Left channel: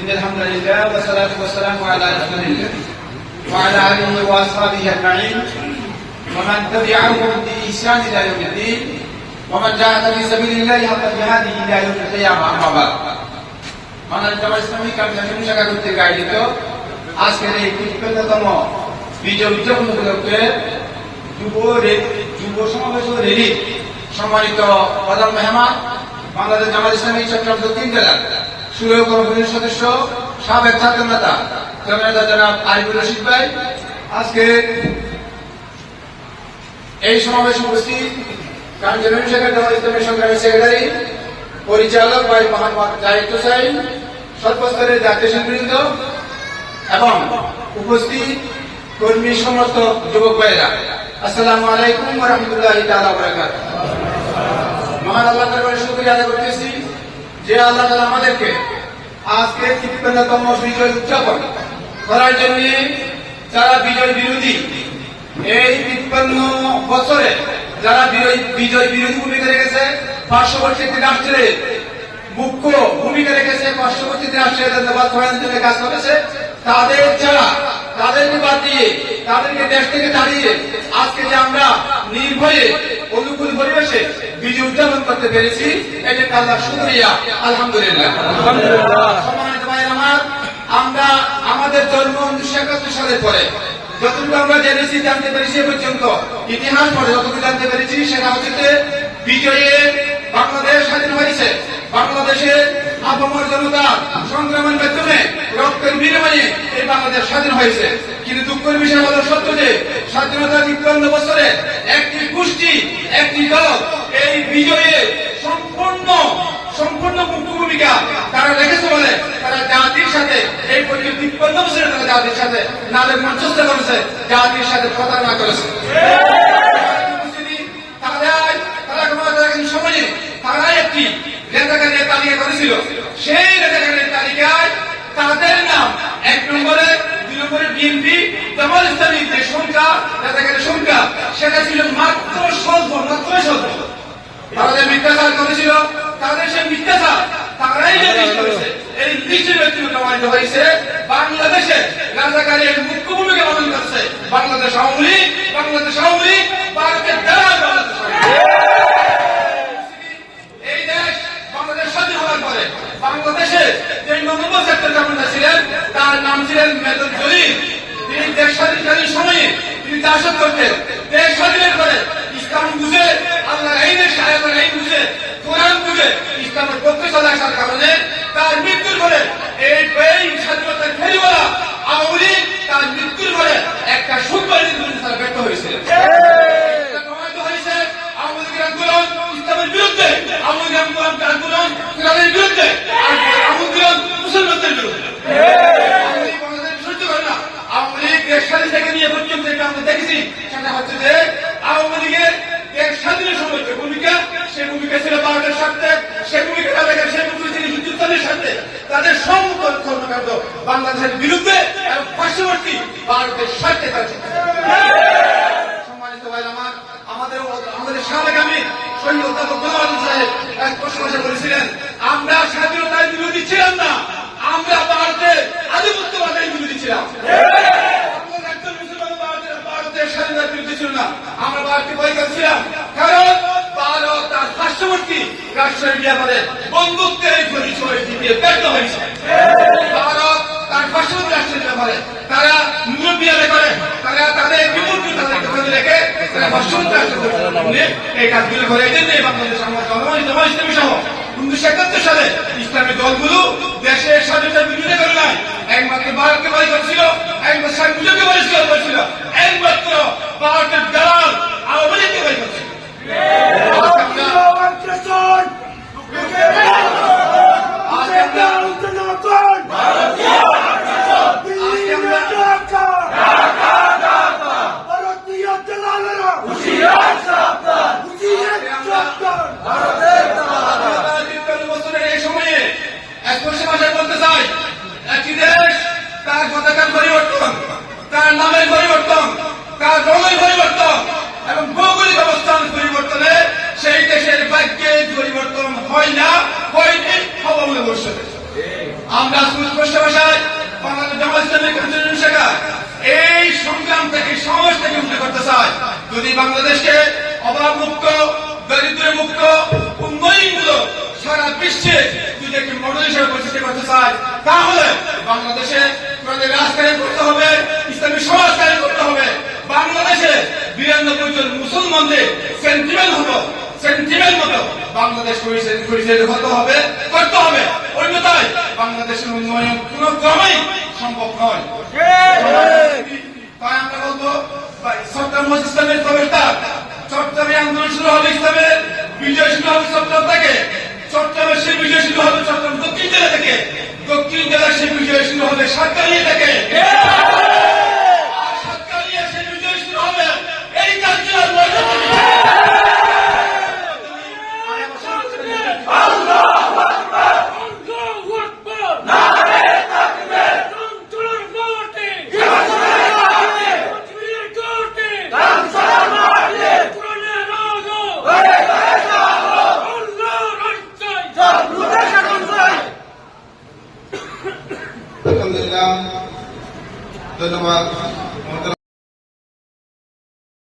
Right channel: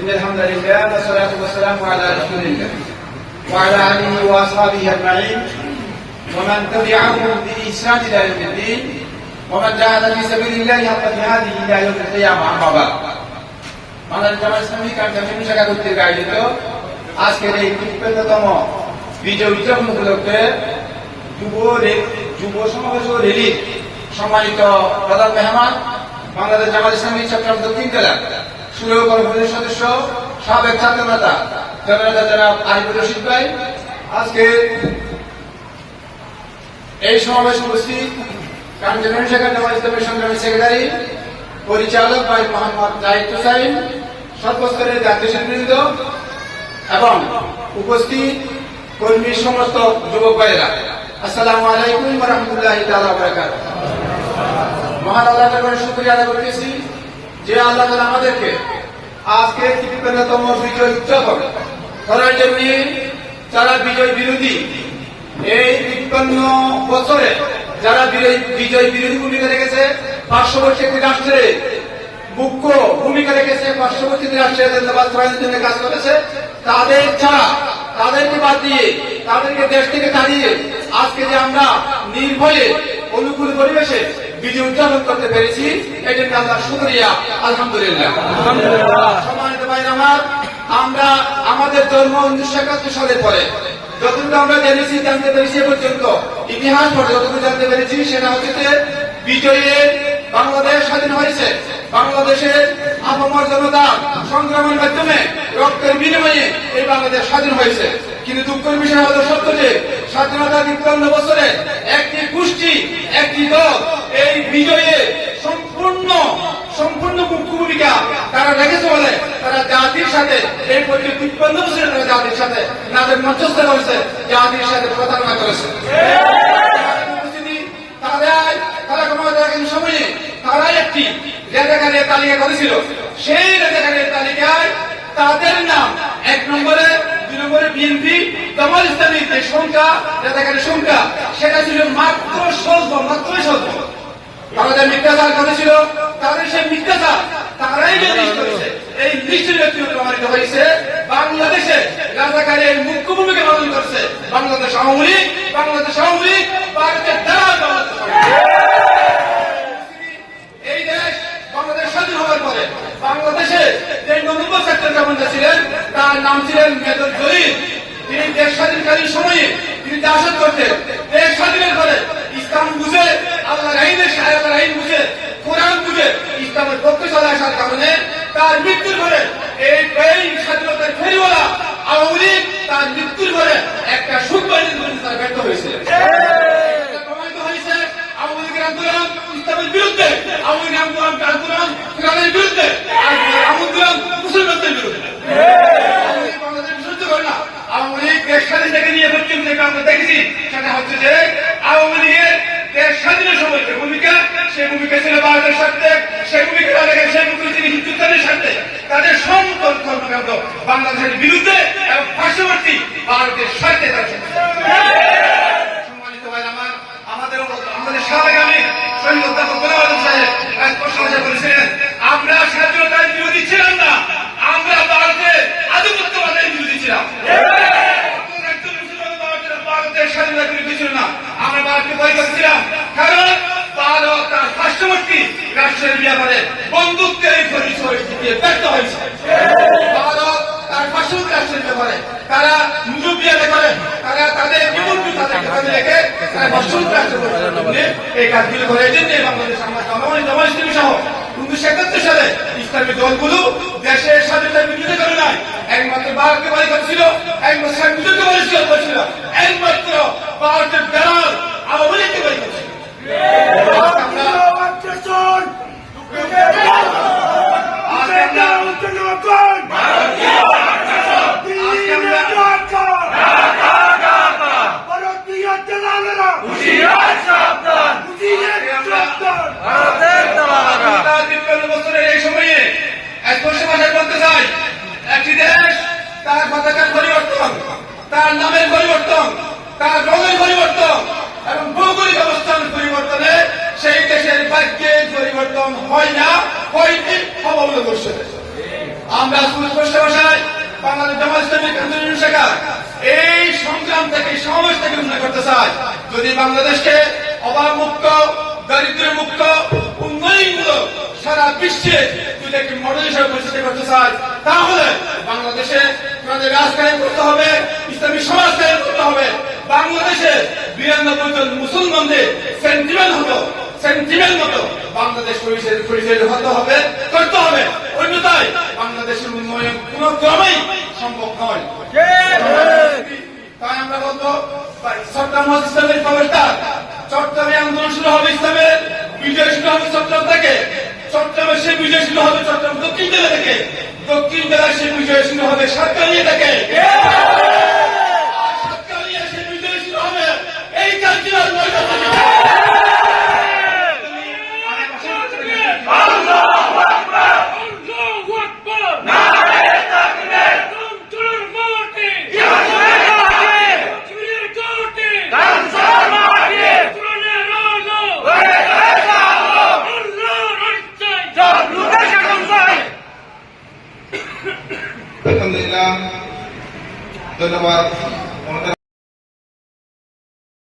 إن الحمد لله والصلاة والسلام على رسول الله وعلى آله وأصحابه أجمعين ومن تبعهم بإحسان إلى يوم الدين ومن جاهد في سبيل الله حق جهاده إلى يوم القيامة أما بعد বাংলাদেশ জামাত ইসলামী কার্যক্রম শাখা কর্তৃক আয়োজিত আজকের এই ৫৩তম বিজয় উদযাপন উপলক্ষে যুব সমাবেশ ও র্যালির সম্মানিত প্রধান মেহমান বাংলাদেশ জামাত ইসলামী চট্টগ্রাম দক্ষিণ জেলা সুরীয় কমিটির সদস্য সাবেক ছাত্র নেতা জনাব আরিফুর রশিদ ভাই, আজকে এই সমাবেশ উপস্থিত কার্যনির্বাহী শাখা জামাত ইসলামী সংগ্রামী সেক্রেটারি পরিচালক ভাই মোহাম্মদ জাহিদ হুসাইন, সর্বস্তরের জাতীয় নেতৃবৃন্দ এবং উপস্থিত কর্মী সমর্থক যুবক ভাইয়েরা, আসসালামু আলাইকুম ওয়া রাহমাতুল্লাহি তাআলা ওয়া বারাকাতুহু। মহান আল্লাহ তাআলার শুকরিয়া আদায় করতেছি যে আল্লাহ তাআলা আমাদেরকে আজকে ৫৩তম বিজয় উদযাপন করার জন্য, যারা বিজয় বিরোধী এই ৫৩ বছরে যারা বিজয় বিরোধী ভূমিকা রেখেছে, পার্শ্ববর্তী একটি রাষ্ট্রের মুখ্য ভূমিকা রেখেছে, পার্শ্ববর্তী রাষ্ট্রের বাস্তবায়নের জন্য কাজ করেছে, তাদের ছাড়া তাদেরকে বাদ দিয়ে তাদেরকে দেশ থেকে তাড়িয়ে আজকে যে আমরা নির্ভয়ে অনুকূল পরিবেশে বিজয় উদযাপন করতে পেরেছি, এটার আল্লাহ শুকরিয়া, আলহামদুলিল্লাহ। সম্মানিত ভাই আমার, আমরা আমাদের জন্ম ১৯৭১ সালের পরে যতটুকু আমরা জেনেছি জানতে পেরেছি পর্যন্ত ইতিহাস পড়ে যতটুকু জানতে পেরেছি সেটা হচ্ছে বিজয়ে বাংলাদেশ স্বাধীন হয়েছে। বাংলাদেশের আপামর জনতা সংগ্রামের মাধ্যমে রক্তের বিনিময়ে এই বাংলাদেশ স্বাধীন হয়েছে। কিন্তু দুঃখের বিষয় হলো সত্য যে স্বাধীনতার ৫৩ বছরে একটি গোষ্ঠী একটি দল এই বিজয়ে সম্পূর্ণ মুখ্য ভূমিকা তারা রেখেছে বলে তারা জাতির সাথে এই ৫৩ বছরে তারা জাতির সাথে নাদের মধ্যস্থ করেছে, জাতির সাথে প্রতারণা করেছে। সময়ে তারাই একটি রেজাকারের তালিকা করেছিল। সেই রেজাকারের তালিকায় তাদের নাম ১ নম্বরে, ২ নম্বরে বিএনপি, জামাত ইসলামীর যে সংখ্যা রেজাকারের সংখ্যা সেটা ছিল মাত্র ১৬ জন। তারা যে মিথ্যাচার করেছিল, তাদের সেই মিথ্যাচার তারাই যে লিস্ট করেছে, এই লিস্টের ব্যক্তিগত প্রমাণিত হয়েছে বাংলাদেশে রাজাকারের মুখ্য ভূমিকা পালন করছে বাংলাদেশ আওয়ামী লীগ, ভারতের দ্বারা এই দেশ বাংলাদেশ স্বাধীন হওয়ার পরে বাংলাদেশে যে নতুন সেক্টর কমান্ডার ছিলেন তার নাম ছিলেন মেজর জলিল। তিনি দেশ স্বাধীনকারী সময়ে তিনি দাসত্ব করতেন। দেশ স্বাধীনের পরে ইসলাম বুঝে, আল্লাহর আইন বুঝে, কোরআন বুঝে ইসলামের পক্ষে চলে আসার কারণে তার মৃত্যুর পরে এই স্বাধীনতার ফেরিওয়ালা আওয়ামী লীগ তার মৃত্যুর পরে একটা সুবাহিনীর বিরুদ্ধে ব্যর্থ হয়েছিল। প্রমাণিত হয়েছে আওয়ামী লীগের আন্দোলন ইসলামের বিরুদ্ধে, আওয়ামী লীগ আন্দোলন কোরআনের বিরুদ্ধে, আন্দোলন মুসলমানদের বিরুদ্ধে। সহ্য করে না আওয়ামী লীগ দেশ স্বাধীন থেকে নিয়ে পর্যন্ত আমরা দেখেছি, সেটা হচ্ছে যে আওয়ামী লীগের দেশ স্বাধীনের সময় যে ভূমিকা, সেই ভূমিকা ছিল ভারতের স্বার্থে, সেই ভূমিকা সেই ভূমিকা ছিল হিন্দুস্তানের স্বার্থে, তাদের সম্পদ কর্মকাণ্ড বাংলাদেশের বিরুদ্ধে এবং পার্শ্ববর্তী ভারতের স্বার্থে। সম্মানিত ভাই আমার, আমাদের সাবেক আমির শহীদ অধ্যাপক গোলাম আজম সাহেব এক প্রশংসা করেছিলেন, আমরা স্বাধীনতার বিরোধী ছিলাম না, আমরা ভারতের আধিপত্যবাদের বিরোধী ছিলাম। ভারতের স্বাধীনতার বিরোধী ছিল না, আমরা ভারতকে ভয় করেছিলাম, কারণ ভারত তার পার্শ্ববর্তী রাষ্ট্রের ব্যাপারে বন্ধুত্বের পরিচয় দিতে ব্যর্থ হয়েছে। ভারত তার পার্শ্ববর্তী রাষ্ট্রের ব্যাপারে তারা মুরব্বিয়া ব্যাপারে তারা তাদের বিমূর্ত তাদের রেখে এই কাজগুলো করে দিতে বাংলাদেশ আমরা জমাইস্লামী সহ ১৯৭১ সালে ইসলামী দলগুলো দেশের স্বাধীনতার বিরোধিতা করে নয়, একমাত্র ভারতকে ভয় করছিল, একমাত্র সাংবিধানিক বলেছিল, একমাত্র ভারতের দালাল আওয়ামী লীগকে ভয় করছিল। বছরের এই সময়ে স্পষ্ট ভাষায় বলতে চাই, একটি দেশ তার পতাকার পরিবর্তন, তার নামের পরিবর্তন, তার রঙের পরিবর্তন এবং ভৌগোলিক অবস্থান পরিবর্তনে সেই দেশের ভাগ্যের পরিবর্তন হয় না, হয়নি, হবে বলে বসে। আমরা সুস্পষ্ট ভাষায় বাংলাদেশ জামায়াত ইসলামী কেন্দ্রীয় শাখা এই সংগ্রাম থেকে সমাজ থেকে উল্লেখ করতে চাই। যদি বাংলাদেশকে অভাব মুক্ত, দারিদ্র মুক্ত, উন্নয়নমূলক সারা বিশ্বে যদি একটি মডেল হিসেবে পরিচিত করতে চাই, তাহলে বাংলাদেশে রাজকায়ন করতে হবে, ইসলামী সমাজ কায়েম করতে হবে। বাংলাদেশে 92 জন মুসলমানদের সেন্টিমেন্ট মতো বাংলাদেশ পরিচয় হতে হবে, করতে হবে। অন্যথায় বাংলাদেশের উন্নয়ন কোন ক্রমেই সম্ভব নয়। তাই আমরা বলবো চট্টগ্রাম ইসলামের প্রবেশটা চট্টগ্রামে আন্দোলন শুরু হবে, ইসলামের বিজয় শুরু হবে চট্টগ্রাম থেকে। চট্টগ্রামের সে বিজয় শুরু হবে চট্টগ্রাম দক্ষিণ জেলা থেকে। দক্ষিণ জেলার সে বিজয় শুরু হবে সাতকানিয়া থেকে। সাতকানিয়া সে বিজয় শুরু হবে এই কালচারাল ময়দান থেকে। আলহামদুলিল্লাহ, ধন্যবাদ।